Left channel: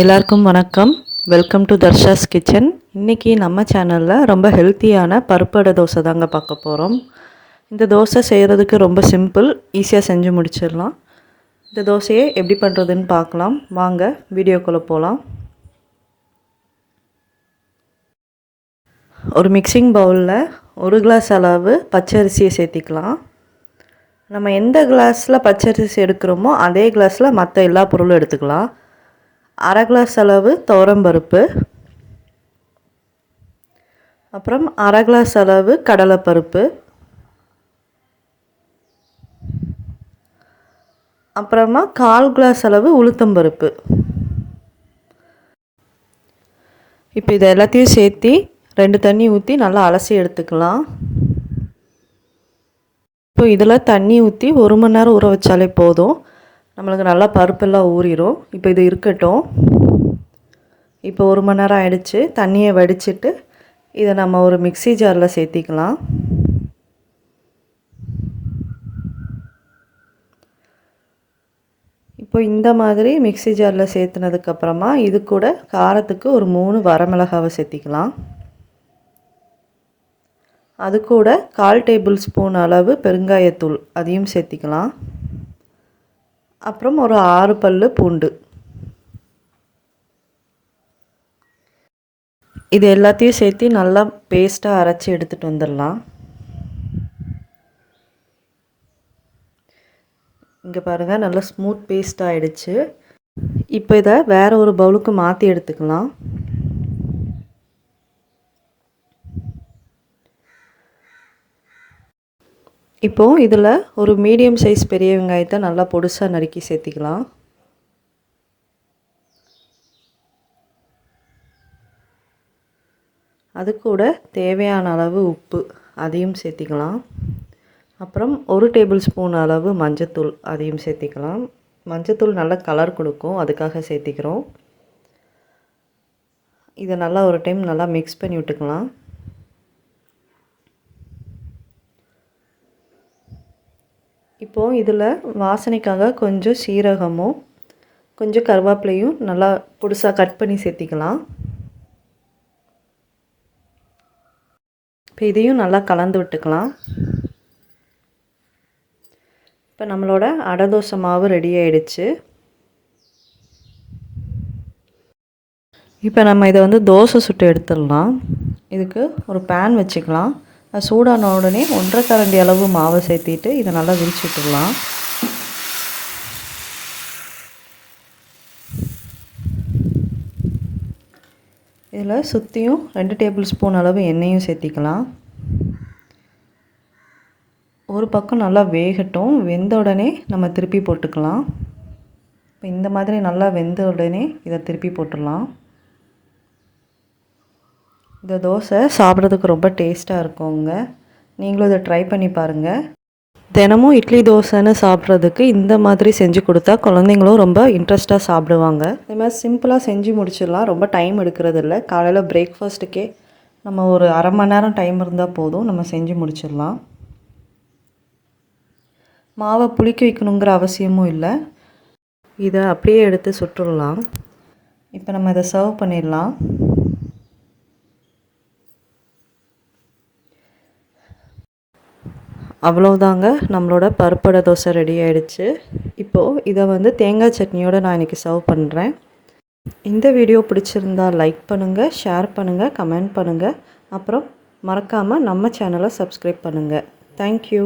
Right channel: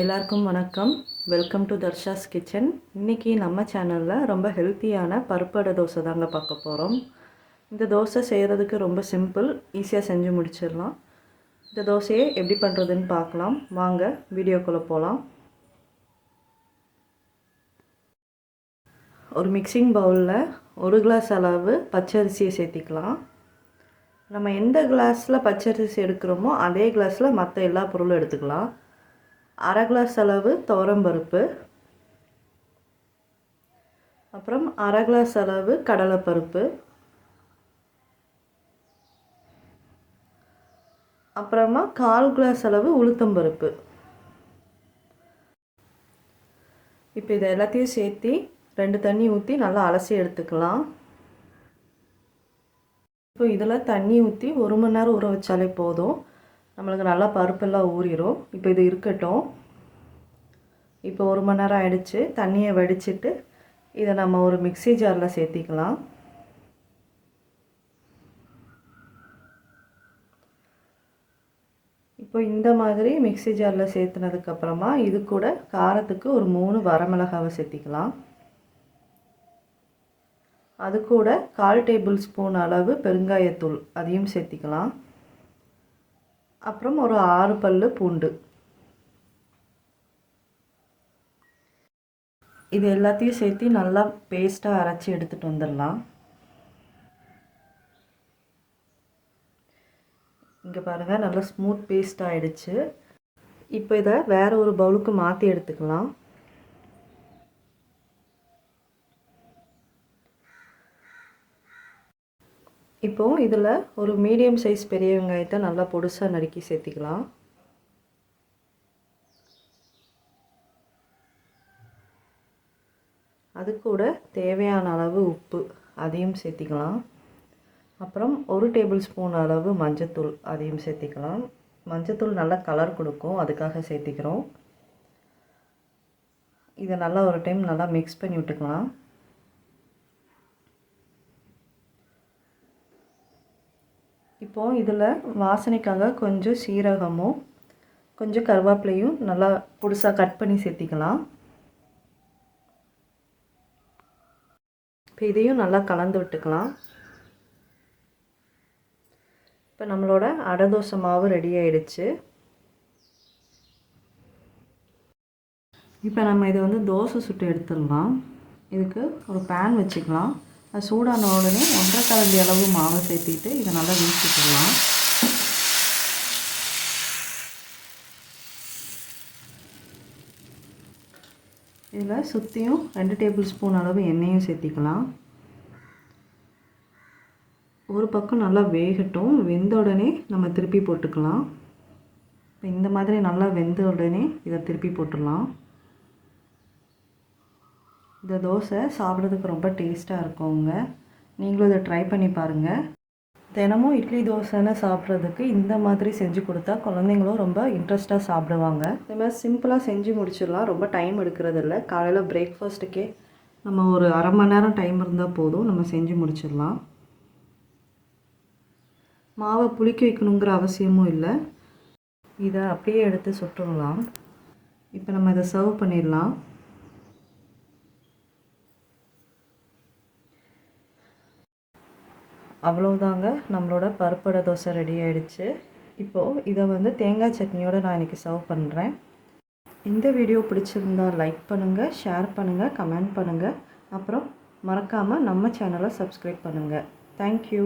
எல்லாருக்கும் வணக்கம். Welcome to Darsha's kitchen. இன்றைக்கி நம்ம சேனலில் ரொம்ப ஹெல்த்தியான பருப்பு தோசை தாங்க பார்க்க போகிறோம். இந்த தோசை செய்கிறதுக்கு ரொம்ப சிம்பிள், ஈஸியாக செஞ்சு முடிச்சிடலாம். இந்த தோசையை எப்படி பண்ணுறதுன்னு பார்க்கலாம் வாங்க, வீடியோக்குள்ளே போகலாம். ஒரு மிக்சிங் பவுலில் 1 கிளாஸ் அளவு பச்சரிசியை சேர்த்திக்கலாம். நம்ம எந்த கிளாஸில் பச்சரிசி எடுக்கிறோமோ அதே கிளாஸில் மற்ற எல்லா பொருளும் எடுத்துக்கலாம். 1/2 கிளாஸ் அளவு துவரம்பருப்பு, அப்புறம் 1/2 கிளாஸ் அளவு கடலைப்பருப்பு, அப்புறமா 1/4 கிளாஸ் அளவு உளுத்தம்பருப்பு. இப்போ இதை எல்லாத்தையும் சேர்த்து 2 தண்ணி ஊற்றி நல்லா அலசி எடுத்துக்கலாம். இப்போ இதில் தண்ணி ஊற்றி 1 மணி நேரம் ஊற வச்சாலே போதும், நம்மளுக்கு நல்லா பருப்பெல்லாம் ஊறிடும். இப்போ இது இருக்கட்டும். இப்போ 1 மணி நேரம் ஆயிடுச்சு. தண்ணியை வடிச்சிட்டு இதை நம்ம ஒரு மிக்ஸி ஜாரில் சேர்த்திக்கலாம். இப்போ இந்த மாதிரி மிக்ஸி ஜாரில் சேர்த்துனதுக்கப்புறமா இது கூட காரத்துக்கு ஒரு 3 வரமிளகாவை சேர்த்திக்கலாம். அது கூட 1/4 டேபிள் ஸ்பூன் அளவு பெருங்காயத்தூள் அதையும் சேர்த்திக்கலாம். அப்புறம் ஒரு 6 பல்லு பூண்டு. இது எல்லாத்தையும் சேர்த்து நல்லா பேஸ்ட்டாக அரைச்சி எடுத்துகிட்டு வந்துடலாம். இங்கே பாருங்கள், நல்லா ஸ்மூத் பேஸ்ட் ஆகிடுச்சு. இப்போ இதை வேறு ஒரு பவுலுக்கு மாற்றி எடுத்துக்கலாம். இப்போது இதில் ஒரு மீடியம் சைஸ் பெரிய வெங்காயத்தை நல்லா பொடிசாக நறுக்கி சேர்த்திக்கலாம். அது கூட தேவையான அளவு உப்பு அதையும் சேர்த்திக்கலாம். அப்புறம் 1 டேபிள் ஸ்பூன் அளவு மஞ்சத்தூள் அதையும் சேர்த்திக்கலாம். மஞ்சத்தூள் நல்லா கலர் கொடுக்கும், அதுக்காக சேர்த்திக்கிறோம். இதை நல்லா ஒரு டைம் நல்லா மிக்ஸ் பண்ணி விட்டுக்கலாம். இப்போது இதில் வாசனைக்காக கொஞ்சம் சீரகமும் கொஞ்சம் கருவேப்பிலையும் நல்லா பொடிசாக கட் பண்ணி சேர்த்திக்கலாம். இப்போ இதையும் நல்லா கலந்து விட்டுக்கலாம். இப்போ நம்மளோட அடை தோசை மாவு ரெடி ஆகிடுச்சு. இப்போ நம்ம இதை தோசை சுட்டு எடுத்துடலாம். இதுக்கு ஒரு பேன் வச்சுக்கலாம். அது சூடான உடனே 1/2 கரண்டி அளவு மாவை சேர்த்திட்டு இதை நல்லா விரிச்சிட்டுடலாம். இதில் சுற்றியும் 2 டேபிள் ஸ்பூன் அளவு எண்ணெயும் சேர்த்திக்கலாம். ஒரு பக்கம் நல்லா வேகட்டும். வெந்த உடனே நம்ம திருப்பி போட்டுக்கலாம். இப்போ இந்த மாதிரி நல்லா வெந்த உடனே இதை திருப்பி போட்டுடலாம். இந்த தோசை சாப்பிட்றதுக்கு ரொம்ப டேஸ்ட்டாக இருக்குங்க. நீங்களும் இதை ட்ரை பண்ணி பாருங்கள். தினமும் இட்லி தோசைன்னு சாப்பிட்றதுக்கு இந்த மாதிரி செஞ்சு கொடுத்தா குழந்தைங்களும் ரொம்ப இன்ட்ரெஸ்ட்டாக சாப்பிடுவாங்க. இதே மாதிரி சிம்பிளாக செஞ்சு முடிச்சிடலாம். ரொம்ப டைம் எடுக்கிறது இல்லை. காலையில் பிரேக்ஃபாஸ்ட்டுக்கே நம்ம ஒரு 1/2 மணி நேரம் டைம் இருந்தால் போதும், நம்ம செஞ்சு முடிச்சிடலாம். மாவை புளிக்க வைக்கணுங்கிற அவசியமும் இல்லை. இதை அப்படியே எடுத்து சுட்டுடலாம். இப்போ நம்ம இதை சர்வ் பண்ணிடலாம். அவ்வளோதாங்க, நம்மளோட பருப்பு தோசை ரெடி ஆகிடுச்சு. இப்போது இதை தேங்காய் சட்னியோடு நான் இன்றைக்கி சர்வ் பண்ணுறேன். இந்த வீடியோ பிடிச்சிருந்தால் லைக் பண்ணுங்கள், ஷேர் பண்ணுங்கள், கமெண்ட் பண்ணுங்கள். அப்புறம் மறக்காமல் நம்ம சேனலை சப்ஸ்கிரைப் பண்ணுங்கள். தேங்க்யூ.